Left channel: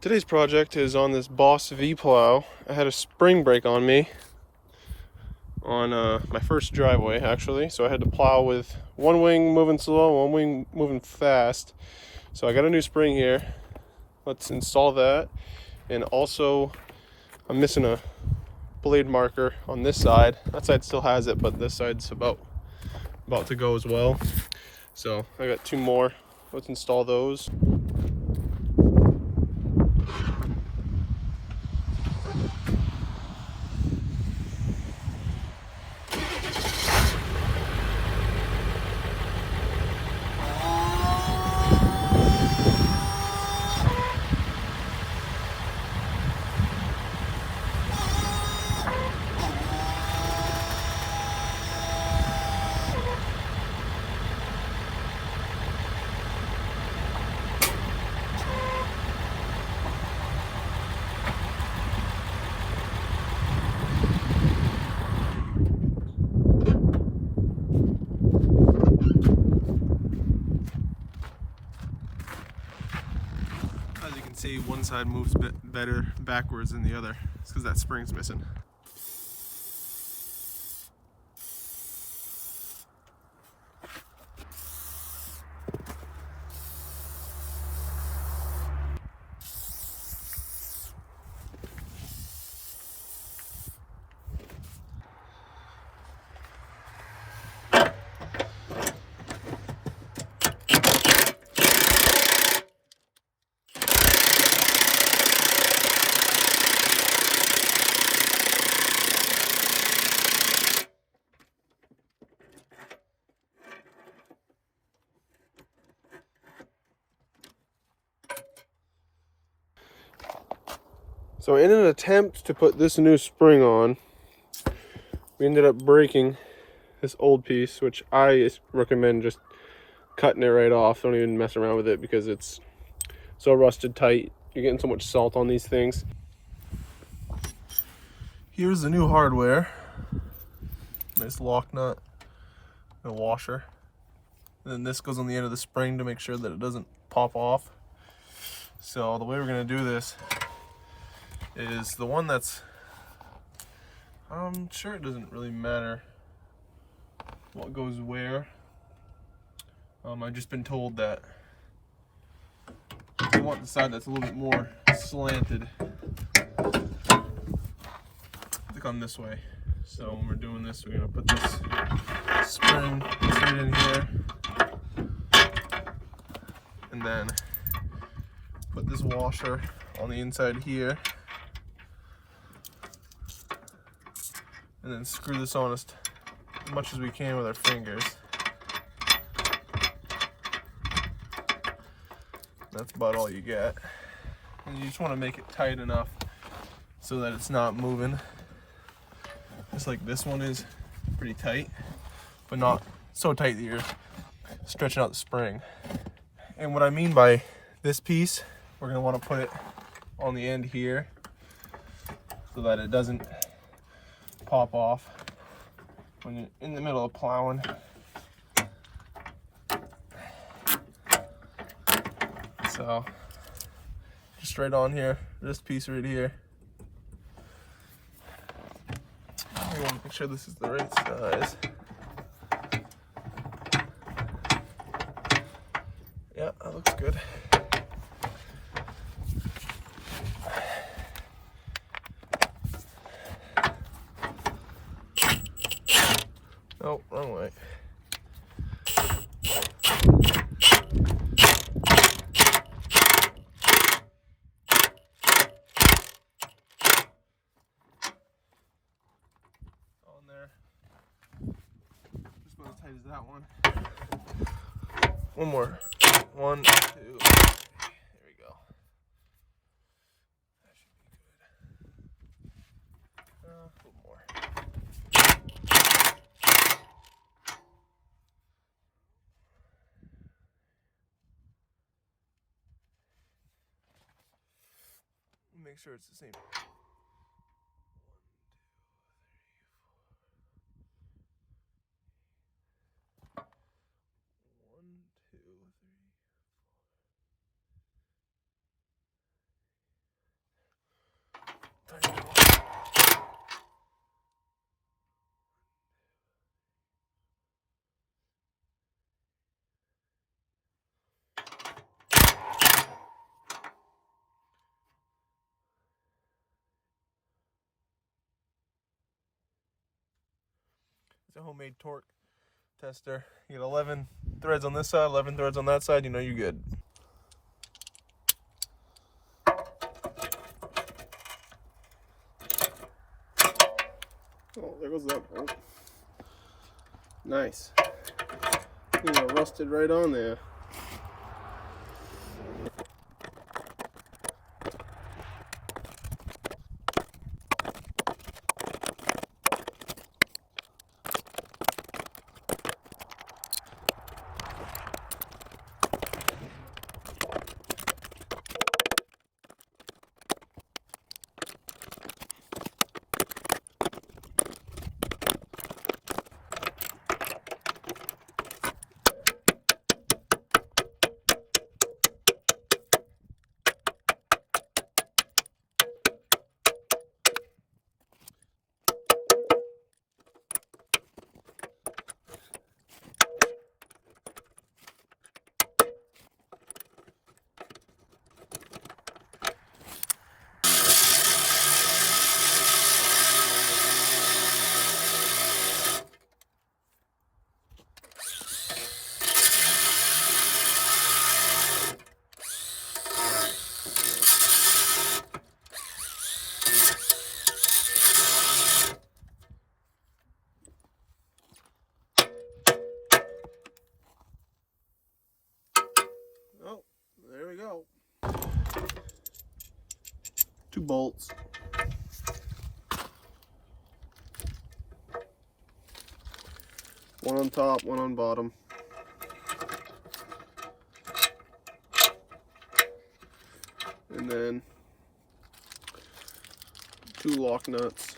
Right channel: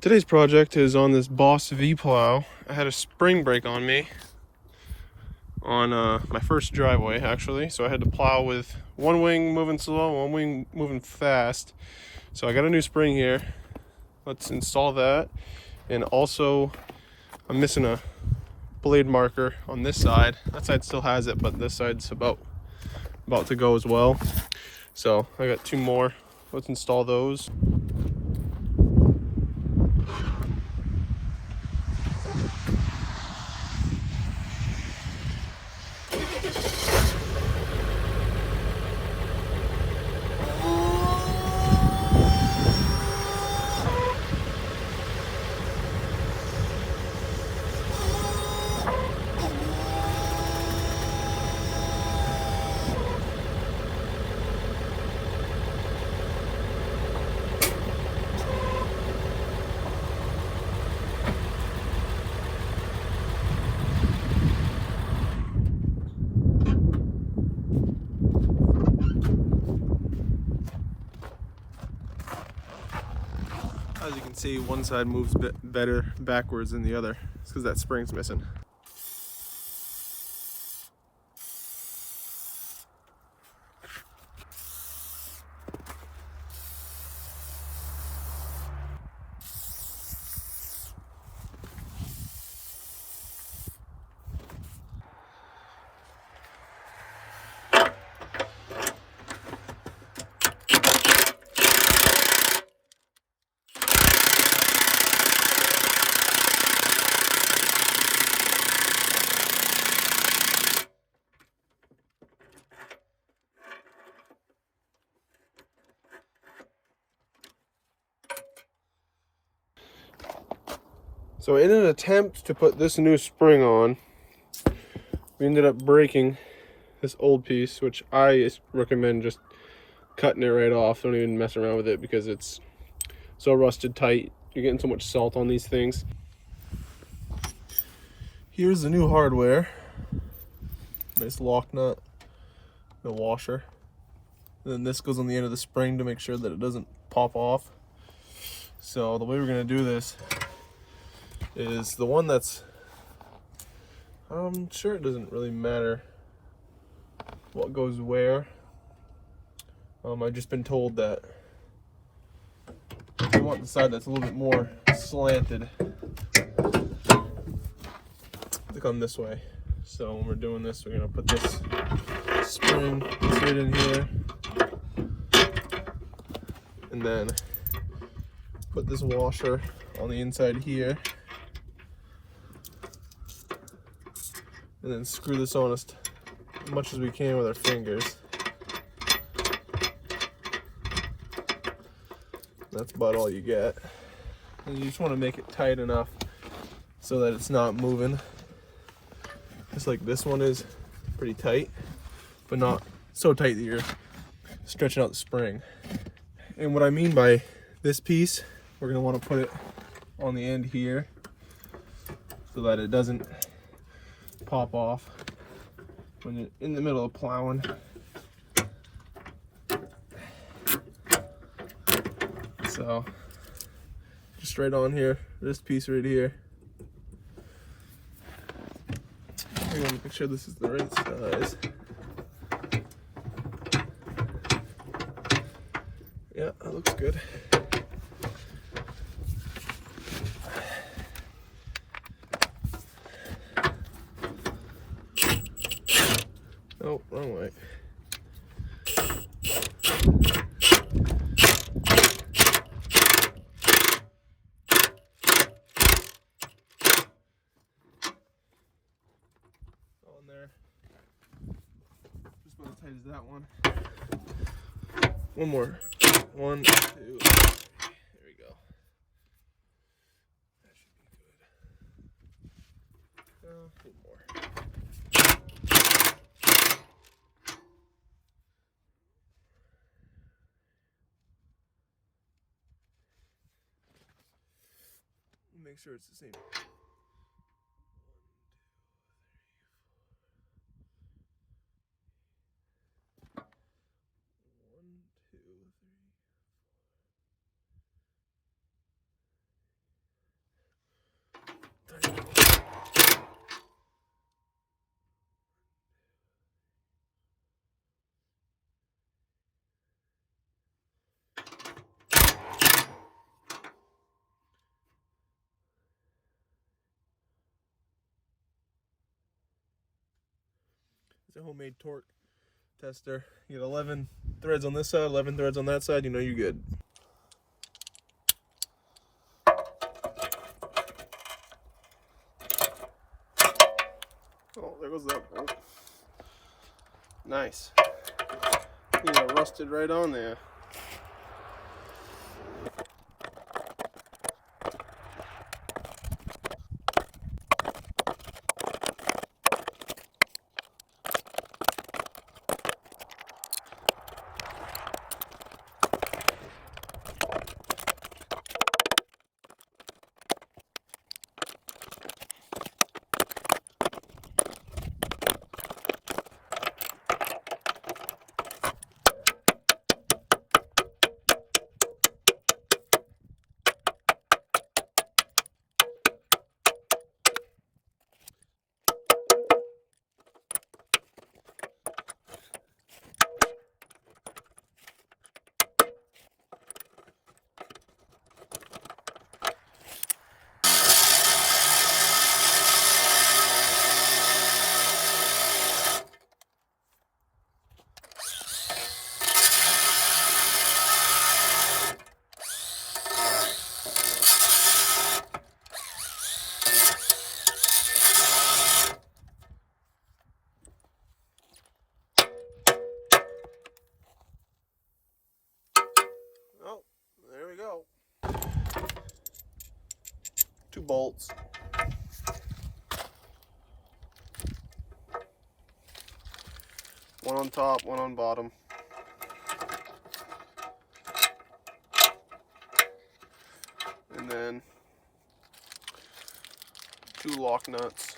Today's project is on this Boss V plow. I had a spring break on me on my first driveway actually, so I had to plow with one wing moving slow, one wing moving fast. So I got a new spring here. Let's install that. And also I'm missing a blade marker on this side. That side still has it, but this side's about to go as well. So I got two more. Let's install those. As you can see, one side moves better backwards than the other. It's because that spring's missing. So in an attempt to put this new spring on, we ended up breaking this old piece, which I recommend just cutting it right off. Don't even mess around with it because it's so rusted tight. You're getting so much salt on these things. Here's the new hardware. Nice lock nut, a washer. And then this goes on the end of the spring to make sure that it doesn't pop off. So the way we're gonna do this is the one that's, I'm sure it doesn't really matter what goes where. I've just been told that I want the side that's a little bit more slanted. Click on this way. So when we're doing this, we're gonna put this spring straight in here, and then put this washer on the inside here, and then screw this on as much as we can with our fingers. That's about all you get. And you just want to make it tight enough so that it's not moving. Just like this one is pretty tight, but not so tight that you're stretching out the spring. And what I mean by this piece, we're going to want to put it on the end here so that it doesn't pop off when you're in the middle of plowing. So just right on here, this piece right here. I want to make sure this is the right size. Yeah, that looks good. Oh, wrong way. On there. Just about as tight as that one. One more. 1, 2. There we go. That should be good. A little more. Make sure it's the same. 1, 2, 3. a homemade torque tester. You get 11 threads on this side, 11 threads on that side, you know you're good. Oh, there goes that bolt. Nice. You know, rusted right on there. Oh, there we go. 2 bolts. One on top, one on bottom. And then 2 lock nuts.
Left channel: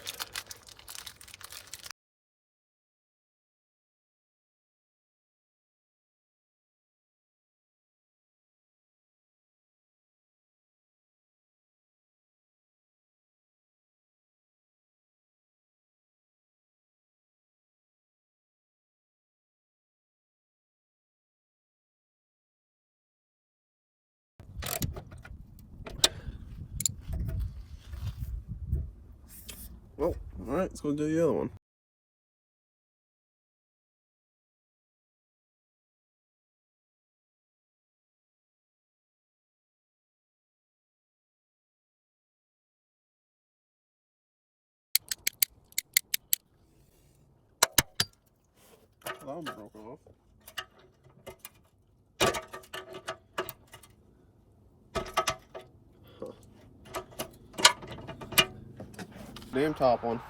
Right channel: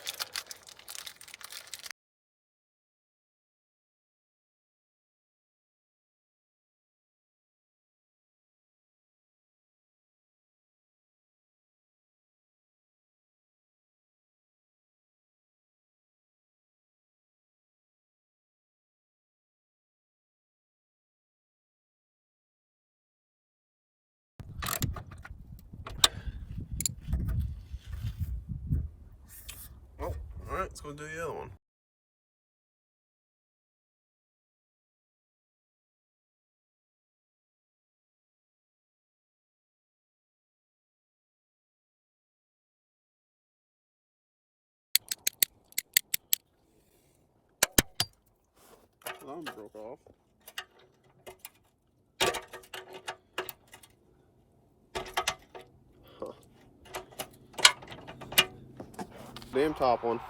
Oh, all right, let's go do the other one. Alarm broke off. Huh. Damn top one.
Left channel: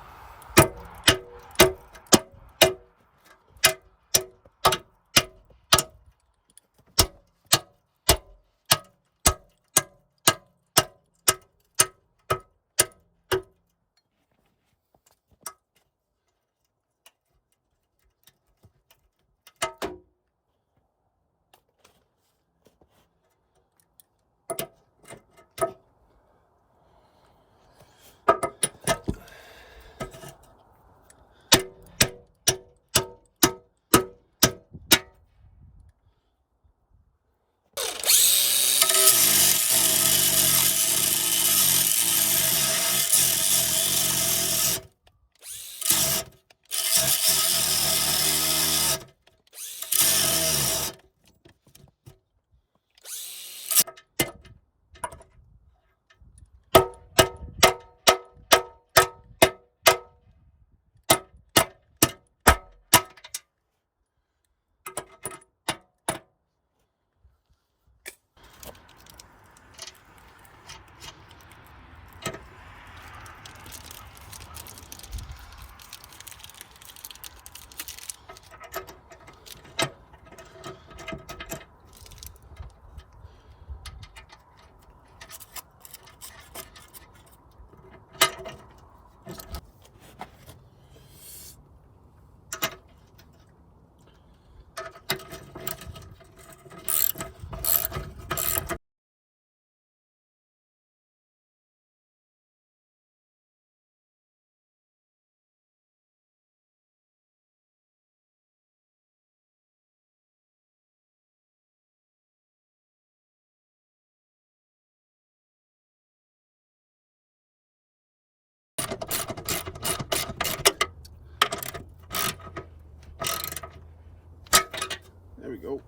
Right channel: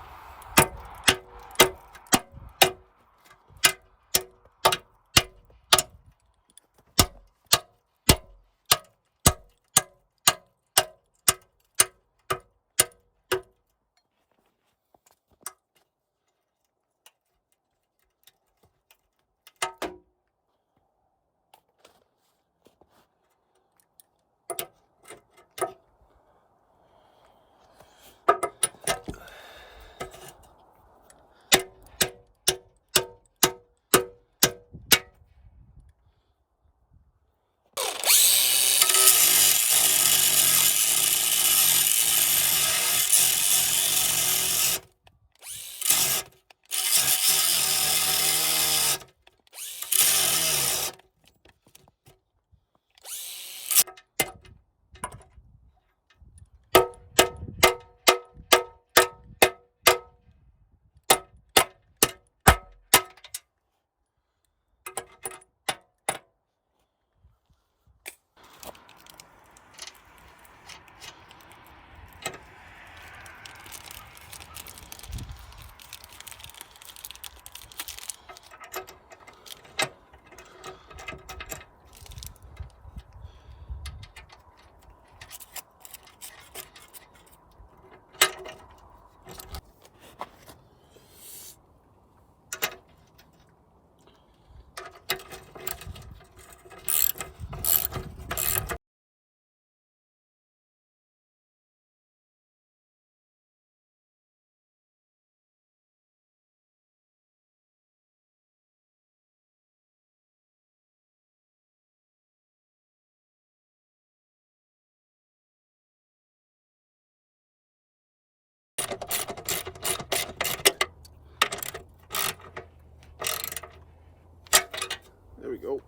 There we go.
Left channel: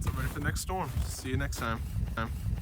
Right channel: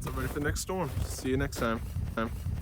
That's it, ready for the next storm. See you next time.